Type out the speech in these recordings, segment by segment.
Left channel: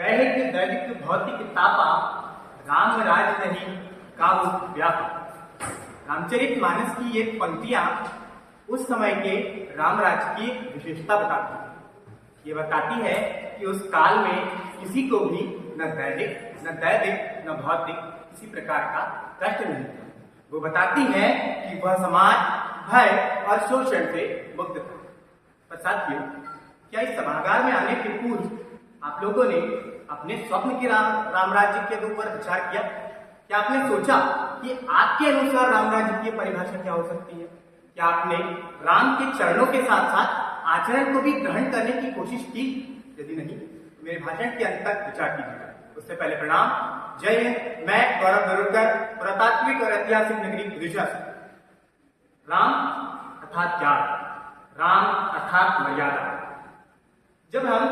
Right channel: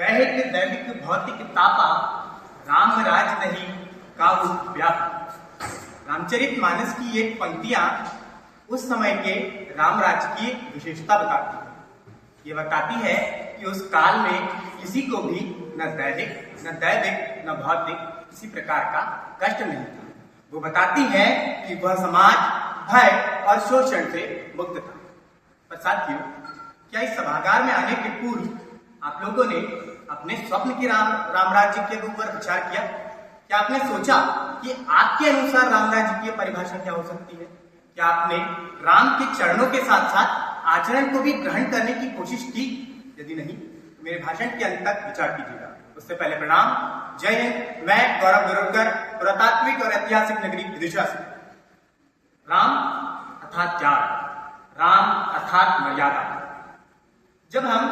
दैहिक दैविक भौतिक तापा राम राज नहीं काहू व्यापा। रामचरितमानस की ये पंक्तियां उस समय के राम राज्य की एक विशेषता बताती है। ये बताती है कि उस काल में किसी को भी न दैविक न भौतिक किसी प्रकार का कष्ट नहीं था। वो बताती है कि वह समाज भय और शोषण से मुक्त था। पर साथियों, क्या इस सभागार में आने के पूर्व आप लोगों ने अपने स्वप्न के राम राज्य के ऊपर विचार किया? क्या आपने सोचा कि आपके अनुसार राम राज्य की परिभाषा क्या हो सकती है? क्या आपने राम के चरणों के साथ साथ आचरण को भी ग्रहण करने की कोशिश की? यदि नहीं तो मेरे भाषण के अंत तक विचार कीजिएगा। उससे पहले प्रणाम, जय हिंद। मैं गौरव गरुड़कर, पुरातात्विक और ऐतिहासिक नगरी विदिशा से। राम अर्थात त्याग, राम अर्थात मर्यादा। जब हम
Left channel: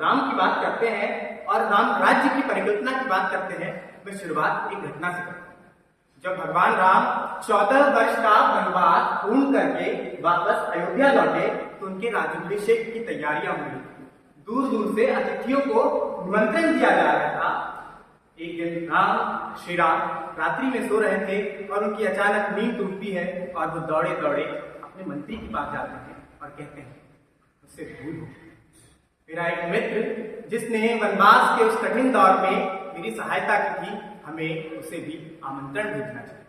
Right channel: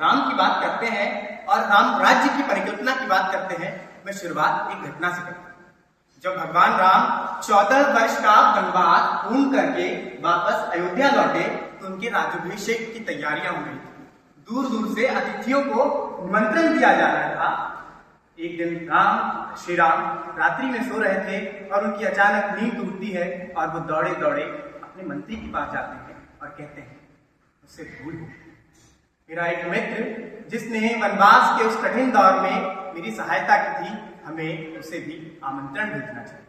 राम की बात करते हैं और राम राज्य की परिकल्पना की बात करते हैं, मैं शुरुआत एक घटना से करता हूं। जब भगवान राम 14 वर्ष का वनवास पूर्ण करके वापस अयोध्या लौटे तो उनके राज्याभिषेक की तैयारियां हो रही थी। दूर दूर से अतिथियों को निमंत्रण दिया जा रहा था। एक दिन श्री राम रात्रि में सो रहे थे और उनकी अचानक नींद टूटती है और वो दौड़े दौड़े अपने मंत्री के पास जाते हैं और कहते हैं, उससे भूल हो, मेरा एक मित्र जिसने वनवास के उस कठिन दौर में मेरी सहायता की थी, हमें उसे भी आमंत्रण भेजना चाहिए।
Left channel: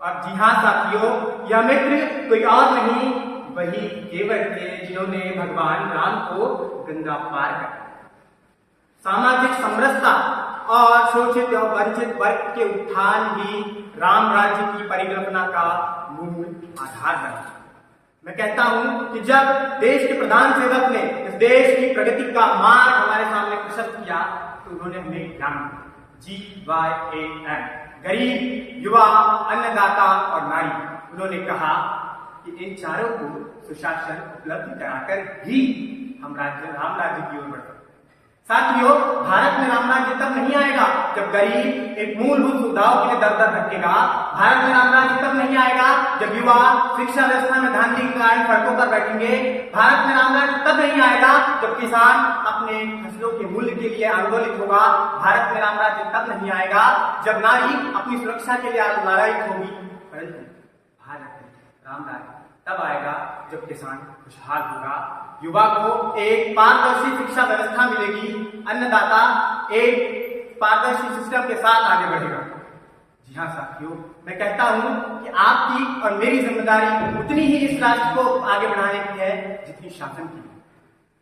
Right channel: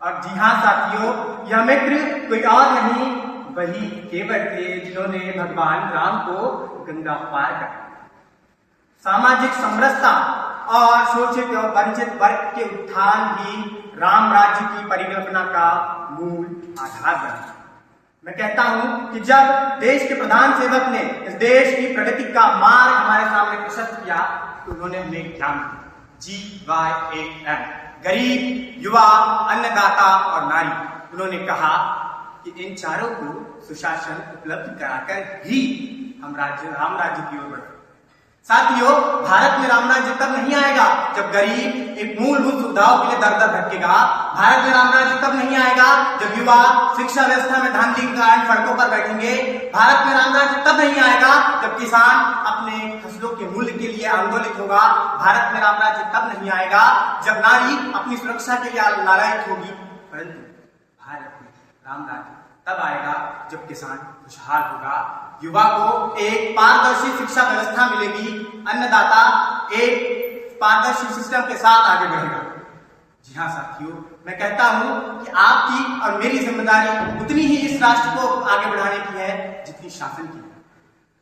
और जी हाँ साथियों, यह मित्र कोई और नहीं, वही केवट थे जिन्होंने भगवान राम को गंगा पार कर सामाजिक समरसता और शोषित और वंचित वर्ग के उत्थान ही राम राज्य की परिकल्पना का मूल आधार बना। मैं कहता हूं कि जब देश के प्रधान सेवक ने इस देश की प्रगति का मार्ग हमारे सामने प्रशस्त किया तो उन्होंने हमें ज्ञान दिया, GYAN, गरीब, युवा, अन्नदाता और नारी। उन्होंने कहा कि इन चारों को सुशासन उपलब्ध कराकर ही हम राम राज्य की ओर बढ़े। साथियों, भारत में राम राज्य तब नहीं आएगा जब गरीब एक मूलभूत सुविधाओं के लिए दर दर भटकेगा। भारत में राम राज्य तब नहीं आएगा जब युवा शिक्षा व्यवस्था में धांधली के कारण सड़कों पर बैठेंगे। भारत में राम राज्य तब नहीं आएगा जब किसान अपने फसलों के मूल्य के लिए आंदोलित होगा। भारत में राम राज्य तब नहीं आएगा जब नारी अपनी सुरक्षा के लिए लड़ाई होगी। परंतु भारत में राम राज्य तब आएगा जब किसान खुशहाल होगा, युवा को एक पारदर्शी शिक्षा व्यवस्था मिलेगी, अन्नदाता एक पारदर्शी सिस्टम के साथ आगे बढ़ेगा। जी हाँ साथियों, मैं कहता हूं कि आपकी और मेरी जिम्मेदारी उतनी ही इस राष्ट्र को आगे बढ़ाने की है जितनी शासन की है।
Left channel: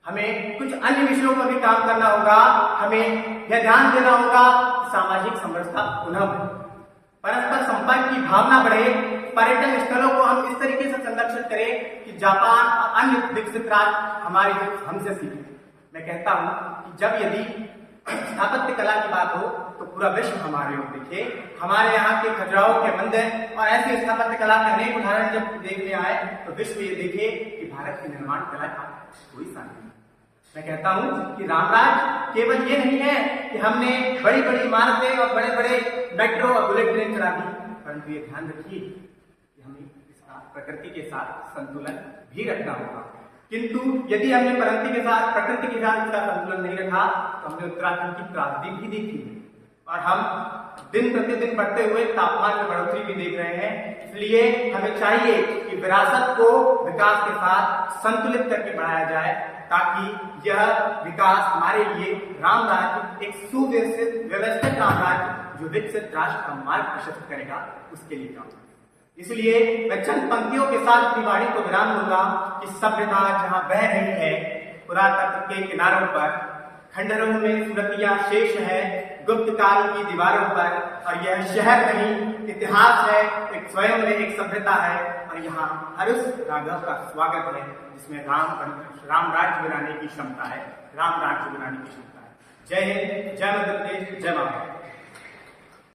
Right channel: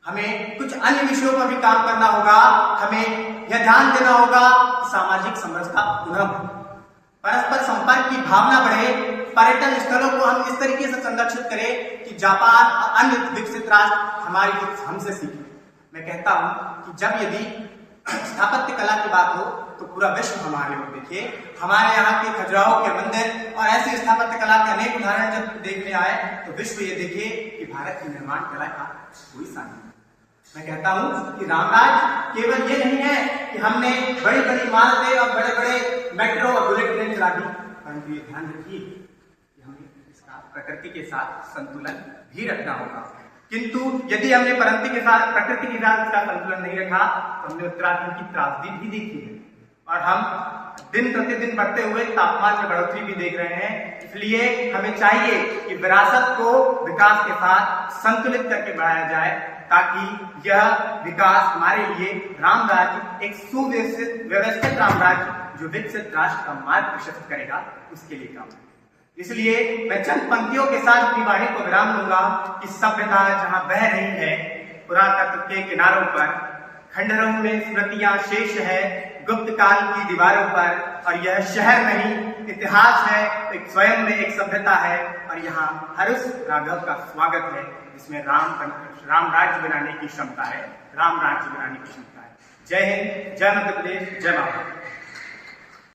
हमें कुछ अन्य विषयों पर भी काम करना होगा। हमें यह ध्यान देना होगा कि सामाजिक समरसता पुनः बढ़े, परस्पर संपर्क की भावना बढ़े, पर्यटन स्थलों को हम इस तरीके से संरक्षित करें कि जापान और अन्य विकसित राष्ट्र हमारी हमसे सीखें। मैं कहता हूं कि जब यदि स्थापत्य कला की बात हो तो पूरा विश्व हमारे ओर देखे। हमारे यहाँ के खजुराहो के मंदिर और ऐसी स्थापत्य कला के अनेक उदाहरण जब देखने आए तो विश्व ये देखे कि भारत की निर्माण कला का कोई सानी नहीं। मैं कहता हूं कि रामराज केवल ये नहीं है कि हमने बड़ी बड़ी इमारतें और बड़े बड़े मेट्रो और बुलेट ट्रेन चला दी, परंतु ये ध्यान रखिए कि हमें इसका प्रकृति के साथ संतुलन भी रखना होगा। किंतु यदि हमने प्रकृति के साथ इसका संतुलन नहीं रखा तो हमने उत्तराखंड की त्रासदी भी देखी है और हम दिन प्रतिदिन बढ़ते हुए तापमान में बढ़ोतरी भी देख रहे हैं। इसलिए हमें चाहिए कि विरासत को विकास के साथ संतुलित करके बढ़ाया जाए ताकि यह विकास हमारे लिए राम राज्य एक सुव्यवस्थित राम राज्य जो विकसित राष्ट्र का मार्ग प्रशस्त करेगा उसके लिए काम। इसलिए मैं चंद पंक्तियों के साथ अपनी वाणी को विराम दूंगा कि सभ्यता जहां बह रही है पुरातत्व के किनारों पर, खंडहरों में स्मृतियां शेष है गुप्त काल की दीवारों पर, और यह शहर नहीं इतिहास है, एक स्वयं में एक सभ्यता है और यहाँ हरुष राघव का स्वागत है जिसमें राम राज्य बनाने की क्षमता है, राम राज्य बनाने की क्षमता है। जय हिंद, जय मध्य प्रदेश, जय माता।